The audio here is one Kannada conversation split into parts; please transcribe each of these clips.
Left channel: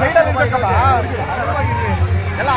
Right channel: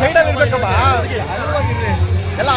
ಸೈಡಲ್ಲಿ ಇರ್ಬೇಕಲ್ಲ? ಎಲ್ಲ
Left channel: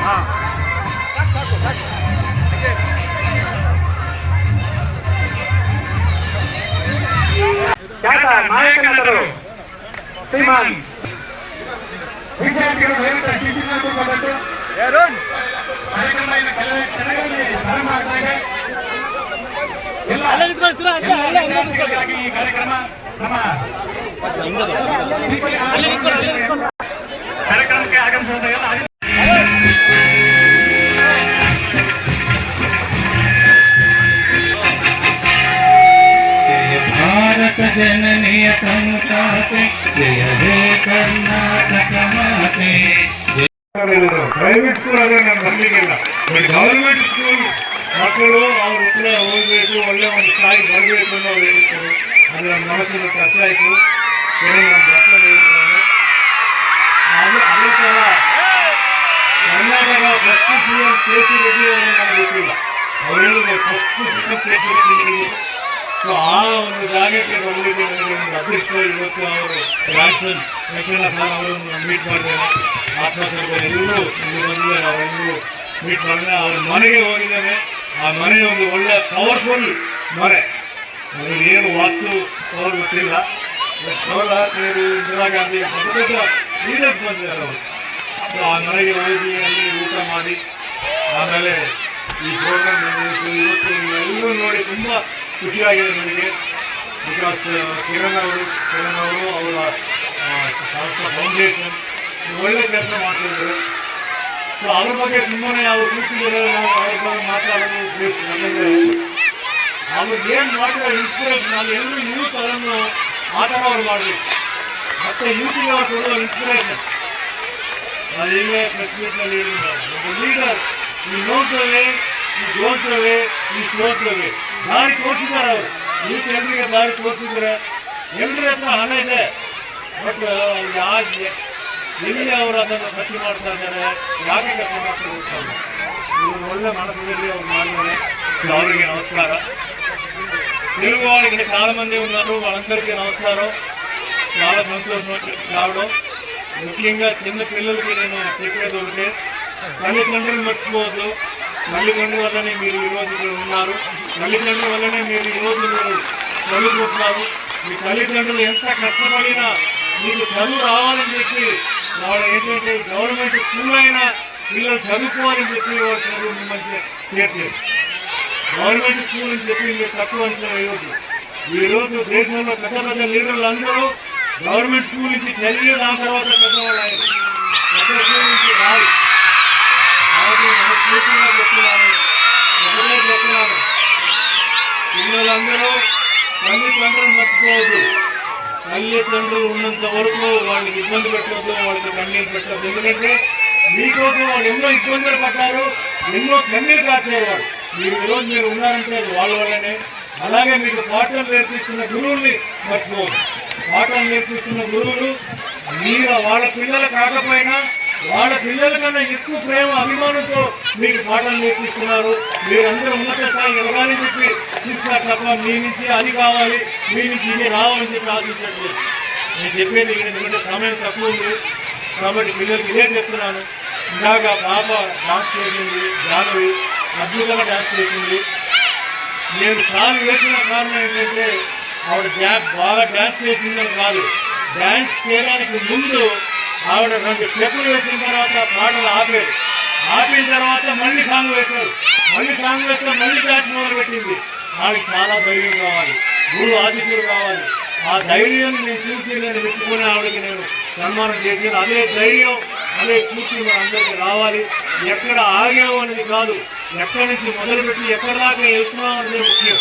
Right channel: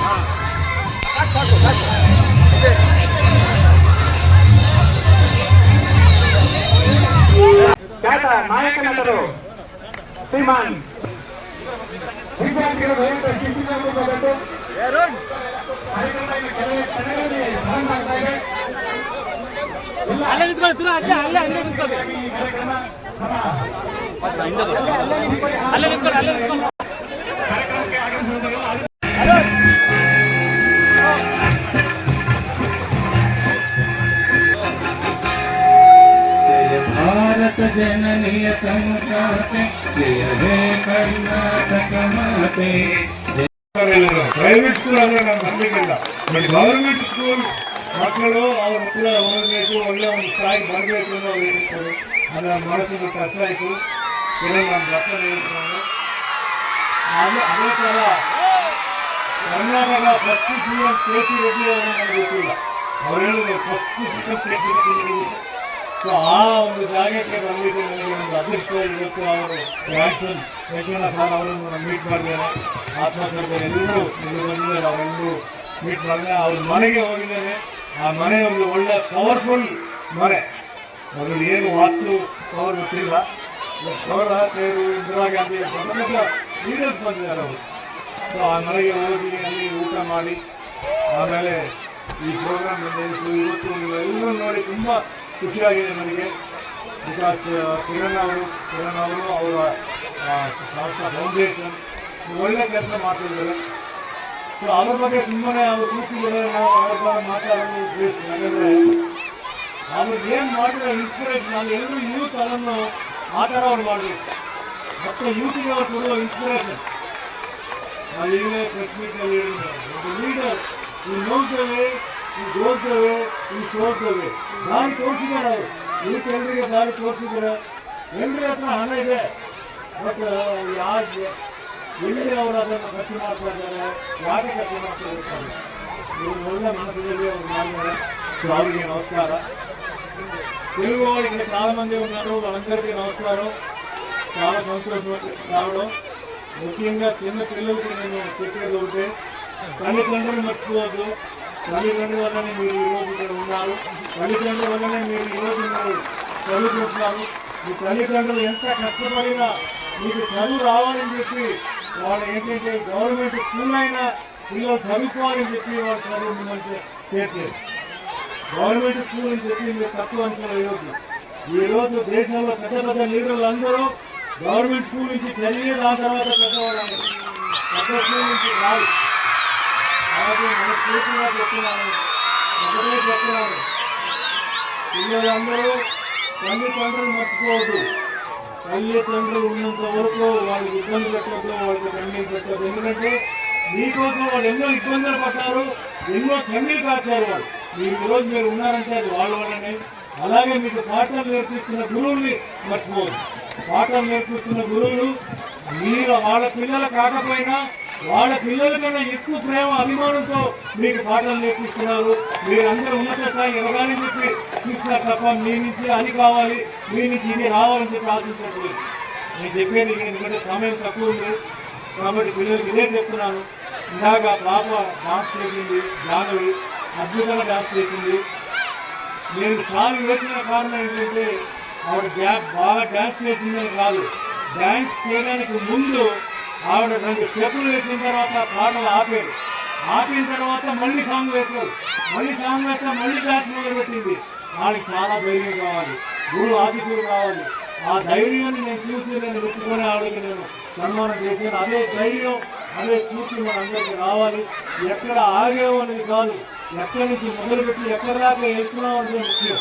ಹಾಂ. ಸಾಕು ಸಾಕು ನಾಯಕನದರು ಶ್ರೀಮಾನ್ ವಿದ್ಯಾರ್ಥಿಗಳು ದಯವಿಟ್ಟು ಎಲ್ಲ ಈ ಕಾರ್ಯಕ್ರಮ ಕಾರ್ಯಕ್ರಮಕ್ಕೆ ಆಗಮಿಸಿದ ಎಲ್ಲ ಅಧಿಕಾರಿಗಳು ಜಯ ಭಾರತ ಜನನಿಯ ತನುಜಾತೆ ಜಯ ಹೇ ಕರ್ನಾಟಕ ಮಾತೆ ಪ್ರೈವೇಟ್ ಸ್ಕೂಲ್ ಅಂದ್ರೆ ನನ್ನ ನಂಬಿಕೆಯಿಲ್ಲ ಗೌರ್ಮೆಂಟ್ ಸ್ಕೂಲ್ ಮಕ್ಕಳು ಅವ್ರ ಕೂಡ ಓದಬೇಕು ಒಳ್ಳೆ ಒಂದು ಸ್ಥಾಯಿ ಬರಬೇಕು ಅನ್ನೋ ಅದರ ಮನಸ್ಸಿನ ಕಷ್ಟ ಆಯಿತು. ಕೆಲವು ನಮ್ಮ ಅಪ್ಪ ಹೇಳ್ತಾರೆ ಅದೇ ಥರ Karnataka first C M K C Reddy ಅವರನ್ನು ನಾನು ಗೊತ್ತಿಲ್ಲ first C M K C Reddy so ಆ ಒಂದು ಜಾಗಕ್ಕೆ ಬರಲಿಕ್ಕೆ ನನಗೆ ಒಂದು ಅದೃಷ್ಟ ಇವತ್ತು ಅವರು ರಾಜನ್ ಯಶೋಧ ಸರ್ ಅವರನ್ನು ಮೀಟ್ ಮಾಡಿದ್ದೇನೆ ಆತ್ಮಹತ್ಯೆ ಎಲ್ಲರೂ ಇಲ್ಲಿ ಅವರೆಲ್ಲರೂ ಮೀಟ್ ಮಾಡಿದ್ರೆ ಅವ್ರ ಮನೆಗೆ ಹೋಗಿದ್ದೇನೆ ಆ ಮನೆ ಒಂದು ಒಳ್ಳೆ ಪವರ್ಫುಲ್ ಮನೆ. ಏನು ವಾಸ್ತು ಅವ್ರು ಗೊತ್ತಿಲ್ಲ. ಆಗ್ತಾಯಿದ್ರು ಇಂದಿರಾ ಗಾಂಧಿ ದೊಡ್ಡ ಲೀಡರ್ಸ್ ಬಂದಿದ್ದಾರೆ ಅವರು. ಸೊ ಆ ಮನೆಗೆ ಹೋಗಿ ಅಲ್ಲಿ ಊಟ ಮಾಡಿ, ಆಮೇಲೆ ಈ ಪ್ರೋಗ್ರಾಮ್ ನಡೆಯಿತು ಇವತ್ತು ಎಲ್ಲರೂ ನೋಡಿ ತುಂಬ ಖುಷಿಯಾಗಿದೆ ನನಗೆ ಬಿಕಾಸ್ ಕಿರಣ್ ಅವರು ಕಿರಣ್ ಅವರು ಅವರ ಫೌಂಡೇಶನ್ ಒಳ್ಳೆ ಕೆಲಸ ಮಾಡ್ತಿದ್ದಾರೆ. ಸೊ ಅವ್ರ ಬಗ್ಗೆ ತುಂಬಾ ಅವ್ರು ಕೂತಿದ್ದಾರೆ, ನಾವು ಅವ್ರ ಮಾತಾಡೋದು ಅವ್ರಿಗೆ ಏನು ಮಾಡಿರೋ ಇನ್ಸ್ಪಿರೇಷನ್ ಎಲ್ಲರೂ ಯೂತ್ ಅದನ್ನು ಥರ ಮಾಡಬೇಕು. ಮತ್ತೆ ಯೂತ್ಗೆ ಅವ್ರು ಕೊಡುವ ಇನ್ಸ್ಪಿರೇಷನ್ ಅದು ಈಗಲೇ ಪ್ರೆಸ್ ಒಬ್ಬ ಲೀಡರ್ ಈ ನೋಡ್ತೇವೆ, ಈ ಜೋಡ್ತೇವೆ, ಈ ಸೋಲ್ತೇವೆ ದಾರಿ ತೋರಿಸಿದ್ದಾರೆ ಅವರು. ಯೂತ್ ಎಲ್ರಿಗೆ ದಾರಿ ತೋರಿಸಿದ್ರೆ ಎಲ್ಲರ ಹತ್ರ ಹಣ ಇದೆ. ಬಟ್ ಯಾಕೆ ಎಲ್ಲಿ ಅವರು ಅದನ್ನು ಖರ್ಚು ಮಾಡ್ತಾ ಇದ್ದಾರೆ? ಯಾಕೆ ಖರ್ಚು ಮಾಡ್ತಾ ಇರ್ತಾರೆ ಒಳ್ಳೆ ಮನಸ್ಸಿನಲ್ಲಿ ಅವ್ರು ಮಾಡಿದ್ದಾರೆ. ಅವರಿಗೆ ನಮಸ್ಕಾರ తెలుగు వాళ్ళకి చాలా మంది ఉన్నారు వాళ్ళందరికీ నమస్కారం. చాలా సంతోషం రావడం. ముఖ్యంగా చిన్న పిల్లలకి నేను చెప్పేది ఒకటే తల్లిదండ్రులు మర్చిపోవద్దు. తల్లిదండ్రుల వల్లనే మీరు ఈరోజు ఇక్కడ ఉన్నారు. తల్లిదండ్రుల వల్లనే మీరు ఈరోజు మీరు చదువుకుంటున్నారు. మీ తల్లిదండ్రులు ఎంత కష్టపడినా మీకు చదువు రావాలని చెప్పి వాళ్ళు ఏంటంటే గవర్నమెంట్ స్కూల్ అయినా పిల్లలు చదువుకోవాలని చెప్పి వాళ్ళు చదువు మిమ్మల్ని చేర్చారు గవర్నమెంట్ స్కూల్ అని చెప్పి మీరు తక్కువ అంచనా వేయవద్దు ఈరోజు దేశంలో పెద్ద పెద్ద లీడర్లు అందరూ గవర్నమెంట్ స్కూల్ నుంచి చదివి దాని తర్వాత పెద్దవాళ్ళు పెద్ద స్కూల్ నుంచి రాదు కాబట్టి మన పూర్తిగా చెప్తున్నాను ఒకటే చెప్తున్నాను పిల్లలందరూ తల్లిదండ్రులు మర్చిపోవద్దు. తల్లిదండ్రులు ఉన్నంత వరకు వాళ్ళకి ఇబ్బంది పెట్టద్దు వాళ్ళకి కన్నీరు పెట్టద్దు. ఎందుకంటే మీకోసం వాళ్ళు ఎన్నో ఇబ్బందులు పడ్డారు ఎన్నో కన్నీరు కాచారు వాళ్ళు. మీరు ఈరోజు మీరు ఉన్నారంటే అది అలాగే మీకు పాఠాలు నేర్పిస్తున్న గురువుల్ని మర్చిపోదు పాఠాలు నేర్పిస్తున్న గురువులు మీరు వాళ్ళ పిల్లలు కాకపోయినా వాళ్ళ పిల్లల కన్నా ఎక్కువ ప్రేమ అభిమానంతో మీకు పాఠాలు నేర్పిస్తున్నారు. మీరందరూ ఉన్నత స్థాయి ఎదగాలని చెప్పి తీసుకున్నారు తప్ప మీ నుంచి అది కావాలి మీ నుంచి ఇది రావాలని చెప్పి ఆశించట్లేదు. నేను చెప్పేది ఎందుకంటే సమయం తక్కువ ఉంది. కాబట్టి పిల్లలకి ఇదే చెప్తున్నాను. ఇందాక పాప డాన్స్ చేసింది జానవి. అద్భుతంగా డ్యాన్స్ చేసింది. నేను కాల్ వేసిన కారణం ఏంటంటే ఆవిడ డ్యాన్స్ బాగా డ్యాన్స్ చేసిందని కాదు. డ్యాన్స్ చేయడానికి ముందు ఆవిడ రెండు స్టెప్పులు వేసిన తర్వాత పాటలు ఆపేది ఆపిన తర్వాత మళ్ళీ సాంగ్ వేశారు. మళ్ళీ సాంగ్ వేస్తే మళ్ళీ డ్యాన్స్ మొదలుపెట్టింది. ఆమెకి చాలా ధైర్యం కావాలి. గురువు ఆశీస్సులు కావాలి. ఆ ధైర్యం నేను చూసి నేను మెచ్చుకునే ఆవిడకి నేను సన్మానం చేసేది. అదే ధైర్యం. అనే స్ఫూర్తి మన అందరికీ రావాలి. ఎక్కడ ఆగాం అనేది కాదు ఎక్కడి నుంచి మొదలుపెట్టి ఎక్కడి దాకా వెళ్తున్నాం అనేది ముఖ్యం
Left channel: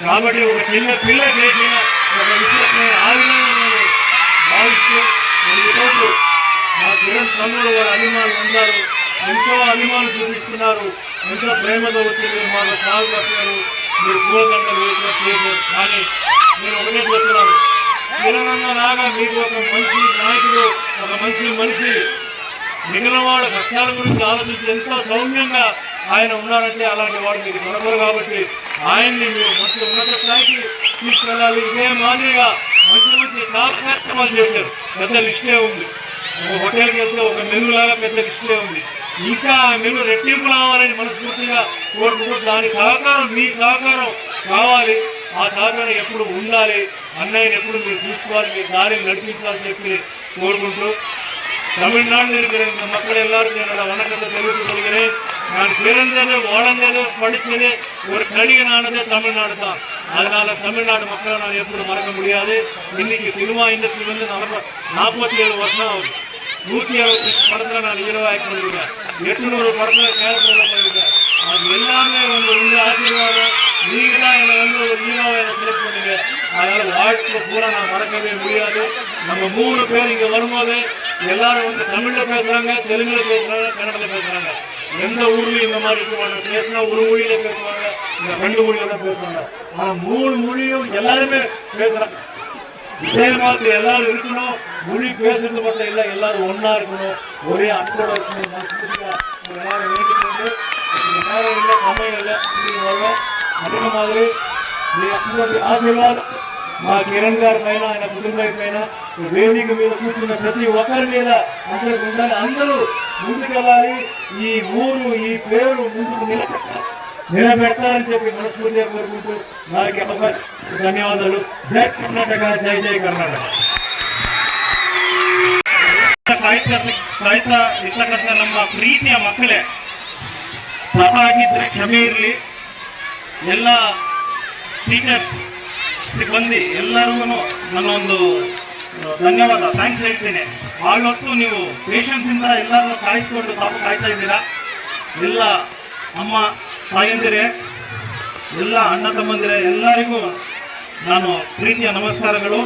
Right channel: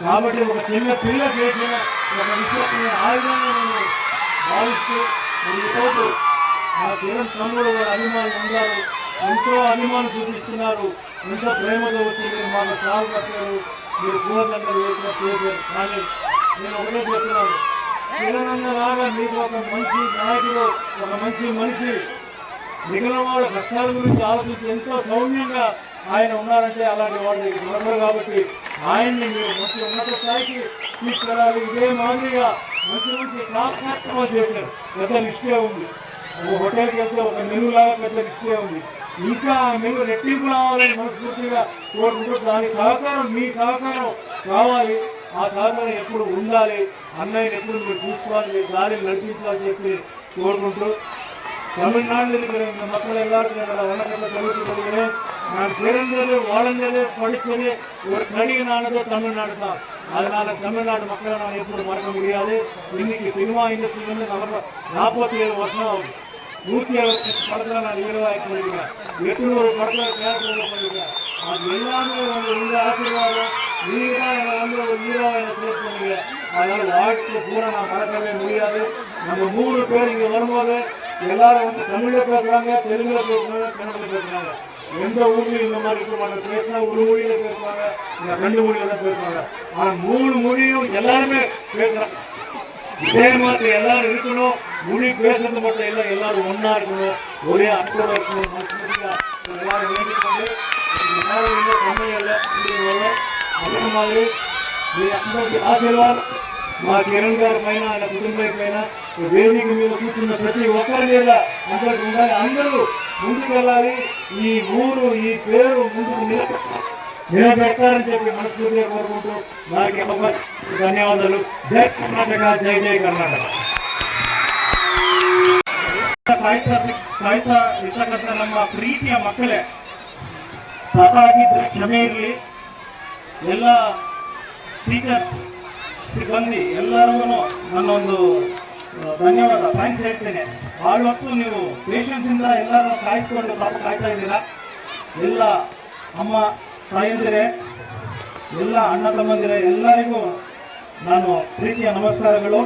కాబట్టి ఒక చిన్న పిల్ల చేసిన ఒక విషయాన్ని ఆగ్రహం భావిస్తూ మరి మా కిరణ్ తమ్ముడు గారి అభిమానులు ఉన్నారు. ఎంతో అభిమానం చూపిస్తున్నారు. ఎంతో ప్రేమతో వచ్చింది మాకు సాగు పట్టారు మీరు పూర్వకంగా వేసిన చేశారు కానీ నేను ఒకటే చెప్తున్నాను. కిరణ్ లాగా మీకు ఒక మంచి నాయకుడు ఒక మంచి మనిషి మిగిలిన వాళ్ళ కష్టాల గురించి ఆలోచించి ఎంతో సౌమ్యంగా ఆయన ఉన్నారంటే అలాంటి వాడు మీకు దొరకరు కాబట్టి ఆయన్ని మీరు మంచి ఉన్నత స్థాయికి తీసుకెళ్ళాలి. ఇదే మాదిరిగా మంచి మంచి చాలా కార్యక్రమాలు చేశారు. పెద్ద లిస్టే ఉంది. ఒక హోటల్కి వెళ్తే ఒక మెనులాగా పెద్ద లిస్టే ఉంది. ఇంకా ఆ మెను రెట్టింపు రావాలని మనస్ఫూర్తిగా కోరుకుంటూ దాని సహకారం మీ సహకారం కావాలి. ఆ సహకారం ఎప్పుడు ఉండాలి? అన్నయ్యని ఎప్పుడు మీరు చూసుకోవాలి? మీ దారిని నడిపించాలని చెప్పి కోరుకుంటూ தமிழ்நாட்டில் இருக்கிற இந்த மக்கள் எல்லாருக்கும் என்னோட வணக்கத்தை தெரிவித்துக் கொள்கிறேன். நான் பிறந்தது வளர்ந்தது படித்தது ஒரு நடிகனானது தமிழ்நாடு தான். அதனால தமிழ்நாடு மக்களை நான் எப்படி மறக்க முடியாது. இன்னைக்கு சினிமா இண்டஸ்ட்ரி வந்து நம்ம நாற்பத்தி ஏழு வருஷம் ஆகுது. நூற்றி அறுபத்தி படத்தில் நான் ஹீரோவாக பண்ணிருக்கேன் எட்நூறு படத்தில் கேரக்டர் பண்ணிருக்கேன் அது எல்லாமே வந்து ஆசீர்வாதம். நீங்க தான் என்னை வந்து ஒரு ஹீரோவை செலக்ட் பண்ணீங்க. அதனால வாழ்க்கை பூரா நான் மறக்கவே முடியாது. நம்ம மூணு பேர் இங்க வரும்போது எல்லாரும் வந்து தமிழ்ல பேசுறாங்க தெலுங்குல பேசுறாங்க கன்னடத்துல பேசுறாங்க. எந்த ஊர்லயும் இந்த மாதிரி இருக்க பேசினா ஒரு மொழியில பேசுவாங்க இந்த ரெண்டு மொழியில பேசுவாங்க. ஆனா மூணு மொழியும் எல்லாருமே பேசுறாங்க. இதே மாதிரி எல்லாரும் இருக்கணும். மொழி பேசுறது மட்டும் இல்லை எல்லாரும் ஒன்னா இருக்கணும். ஒரே அன்போட இருக்கணும். எல்லாரும் வேண்டிக்கொண்டு நேரம் இல்லை சமயம் இல்லை அதே மாதிரி ஆசீர்வாதம் మీ అందరి ఆశీర్వాద్ మా కిరణ్ గారి పైన ఆయన కుటుంబం పైన ఈ వేదిక మీద కూర్చున్న ప్రతి ఒక్కరి మీద అందరికి ఉండాలి అందరూ ముందుకెళ్ళాలి ఈ ఊరు ఈ పేరు ముందుకు నిలబెట్టాలి నిలబెట్టాలని చెప్పి మనస్ఫూర్తిగా కోరుకుంటూ వారికి ఒక ధన్యవాదాలు జై కర్ణాటక జై జై కర్ణాటక ಕಾಯ್ತಾ ಕಾಯ್ತಾ ಇರ್ತಕ್ಕಂಥ ನಮ್ಮ ಪ್ರೀತಿಯ ಮಕ್ಕಳೇ ತಪ್ಪಾಗಿದ್ರೆ ಕ್ಷಮೆ ಇರಲಿ ಎಲ್ಲ ಟೀಚರ್ಸ್ ಸಿಬ್ಬಂದಿ ಎಲ್ಲರಿಗೂ ನನ್ನೊಂದು ಧನ್ಯವಾದ ಥ್ಯಾಂಕ್ಸ್ ಹೇಳ್ತೇನೆ. ಭಾಳ ನೀವು ಪೇಷನ್ಸ್ ಇಂದ ಎಲ್ಲರನ್ನು ಕಾಯಿಸ್ಕೊಂಡು ಪಾಪ ಕಾಯ್ತಾ ಇದ್ದೀರಾ? ಎಲ್ಲ ಅಮ್ಮ, ತಾಯಂದಿರೇ, ಎಲ್ಲ ಅಣ್ಣ ತಮ್ಮಂದಿರೇ, ಎಲ್ಲರಿಗೂ ನಾನು ಪ್ರೀತಿಯ ನಮಸ್ಕಾರಗಳು.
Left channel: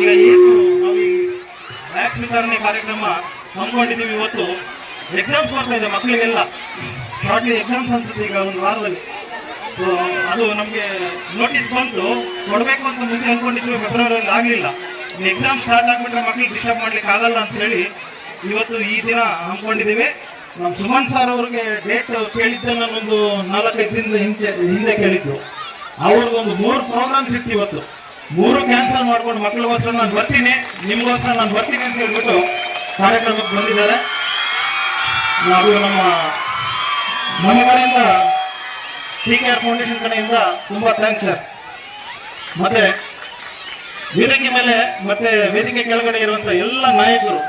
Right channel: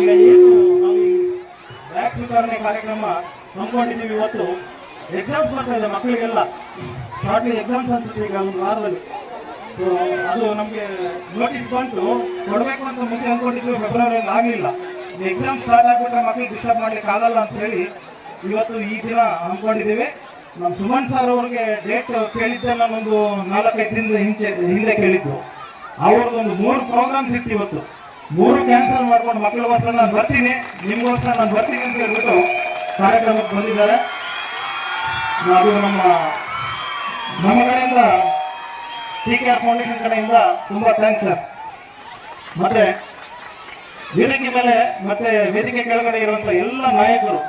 ಈಗ ಏನು ನಾವು ಈ ವ್ಯಾಕ್ಸ್ ವಿತರಣೆ ಕಾರ್ಯಕ್ರಮ ಹಮ್ಮಿಕೊಂಡಿದ್ದೀವಿ ಇವತ್ತು. ಎಕ್ಸಾಮ್ಸ್ ಬರ್ತಾ ಇದೆ ಮಕ್ಕಳಿಗೆಲ್ಲ. ಶಾರ್ಟ್ಲಿ ಎಕ್ಸಾಮ್ಸ್ ಅನ್ಸುತ್ತೆ ಈಗ ಒಂದು ವಾರದಲ್ಲಿ. ಅದು ನಮಗೆ ನೋಟಿಸ್ ಬಂತು. ಕೊಡಬೇಕು ಅಂತ ಮುಂಚೆ ಅಂದ್ಕೊಂಡಿದ್ವಿ ಫೆಬ್ರವರಿಯಲ್ಲಿ ಆಗಲಿಲ್ಲ. ಎಕ್ಸಾಮ್ ಸ್ಟಾರ್ಟ್ ಆಗಿಬಿಟ್ರೆ ಮಕ್ಳಿಗೆ ಡಿಸ್ಟರ್ಬ್ ಮಾಡ್ಲಿಕ್ಕೆ ಆಗಲ್ಲ ಅಂತ ಹೇಳಿ ಇವತ್ತು ಈ ದಿನ ಹಮ್ಮಿಕೊಂಡಿದ್ದೀವಿ ನಮ್ಮ ಸುಮನ್ ಸರ್ ಅವ್ರಿಗೆ ಡೇಟ್ ಕೇಳಿದ್ದೆ ನಾನೊಂದು ನಾಲ್ಕೈದು ದಿನದ ಹಿಂಚೆ, ಹಿಂದೆ ಕೇಳಿದ್ದು. ಅವ್ರದ್ದು ಒಂದು ಮೂರು ಪ್ರೋಗ್ರಾಮ್ಸ್ ಇತ್ತು ಇವತ್ತು. ಮೂರು ಕ್ಯಾನ್ಸಲ್ ಮಾಡ್ಕೊಂಡು ಮಕ್ಕಳಿಗೋಸ್ಕರ ನಾನು ಬರ್ತೀನಿ ನಿಮಗೋಸ್ಕರ ನಾನು ಬರ್ತೀನಿ ಅಂತ ಹೇಳ್ಬಿಟ್ಟು ಕಾರ್ಯಕ್ರಮಕ್ಕೆ ಬಂದಿದ್ದಾರೆ. ನಾವು ನಮ್ಮ ನಮ್ಮ ಟಿ ಕೆ ಆರ್ ಫೌಂಡೇಶನ್ ಕಡೆಯಿಂದ ತುಂಬ ಥ್ಯಾಂಕ್ಸ್ ಸರ್ ಮತ್ತೆ ವೇದಿಕೆ ಮೇಲೆ, ಮತ್ತೆ ವೇದಿಕೆ ಕೆಳಗಡೆ ಇರುವಂತ ಎಲ್ಲ ನಾಯಕರು,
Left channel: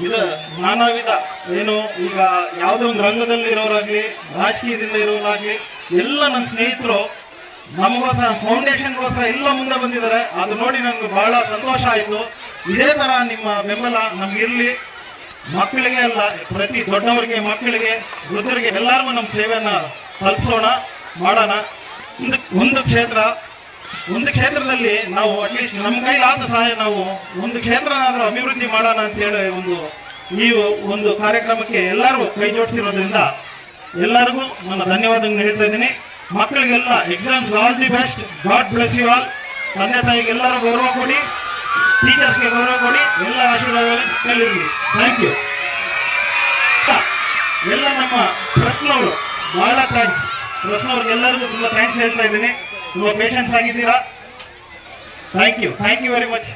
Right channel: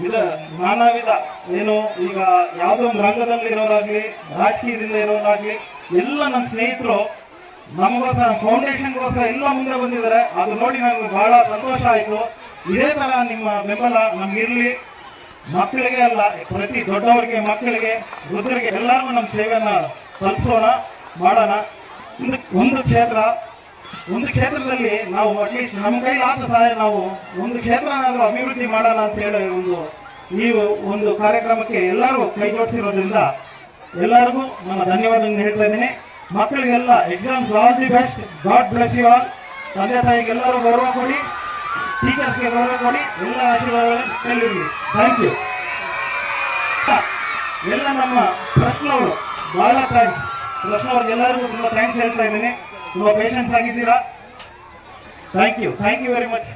ವಿಧ ನಾನಾ ವಿಧ ಏನು ಈಗ ಯಾವುದೇ ಒಂದು ರಂಗದಲ್ಲಿ ಇರೋರಾಗ್ಲಿ, ರಾಜಕೀಯದಿಂದ ಇರೋರಾಗ್ಲಿ, ಎಲ್ಲ ನನ್ನ ಸ್ನೇಹಿತರು, ನಮಗೋಸ್ಕರ, ಫೌಂಡೇಶನ್ಗೋಸ್ಕರ ಎಲ್ಲ ಮುಂದೆ ಬಂದಿದ್ದಾರೆ. ಅದು ನೋಡಿ ನನಗೆ ಬಹಳ ಸಂತೋಷ ಆಯಿತು. ಇದೇ ಥರ ನಿಮ್ಮ ಬೆಂಬಲ ನಮಗಿರಲಿ ಮಕ್ಕಳಿಗೆ ಅಲ್ಲ, ಪ್ರತಿ ದೊಡ್ಡವರಿಗೆ, ಮಕ್ಕಳಿಗೆ, ವೃದ್ಧರಿಗೆ ಎಲ್ಲರಿಗೂ ನಮ್ಮ ಸೇವೆಯನ್ನು ತಲುಪಿಸೋಣ. ಮಾಡೋಣ. ಒಂದು ಒಂದು ಕ್ಷೇತ್ರ, ಒಂದು ಕ್ಷೇತ್ರದಲ್ಲಿ ನಾವು ಅಟ್ಲೀಸ್ಟ್ ನಮ್ಮ ಕೈಲಾದ ಸಹಾಯ ನಾವು ಒಂದು ಕ್ಷೇತ್ರ ಅಭಿವೃದ್ಧಿ ಮಾಡೋಣ ಅಂತ ಹೇಳಿ ಒಂದು, ನೀವು ಒಂದು ಕಾರ್ಯಕ್ರಮಕ್ಕೆ ಎಲ್ಲರೂ ಕೈ ಜೋಡಿಸಿರೋದ್ರಿಂದ ಎಲ್ಲರಿಗೂ ನನ್ನ ಧನ್ಯವಾದಗಳನ್ನು ಹೇಳ್ತಾ ಇದ್ದೀನಿ. ಮಕ್ಕಳಿಗೆಲ್ಲ exams all the best God bless you all ತಂದೆ ತಾಯಿಗೆಲ್ಲರೂ ಗೌರವ ಕೊಡಿ. ಟೀಚರ್ಸ್ಗೆ ಗೌರವ ಕೊಡಿ. ಎಲ್ಲ ಆಶೀರ್ವಾದಗಳನ್ನು ಕಲ್ಲಿರಿ ಥ್ಯಾಂಕ್ ಯು ಎಲ್ಲ ನಮ್ಮ ಪ್ರಶ್ನವರು ಬಹಳ ಥ್ಯಾಂಕ್ಸ್ ಪ್ರಶ್ನವ್ರಿಗೆ ಎಲ್ಲರಿಗೂ ತುಂಬಾ ಥ್ಯಾಂಕ್ಸ್ ಹೇಳ್ತಾ ಇದ್ದೀನಿ. ತುಂಬಾ ಪೇಷನ್ಸ್ ಆಗಿದ್ದೀರಾ? Thank you thank you very much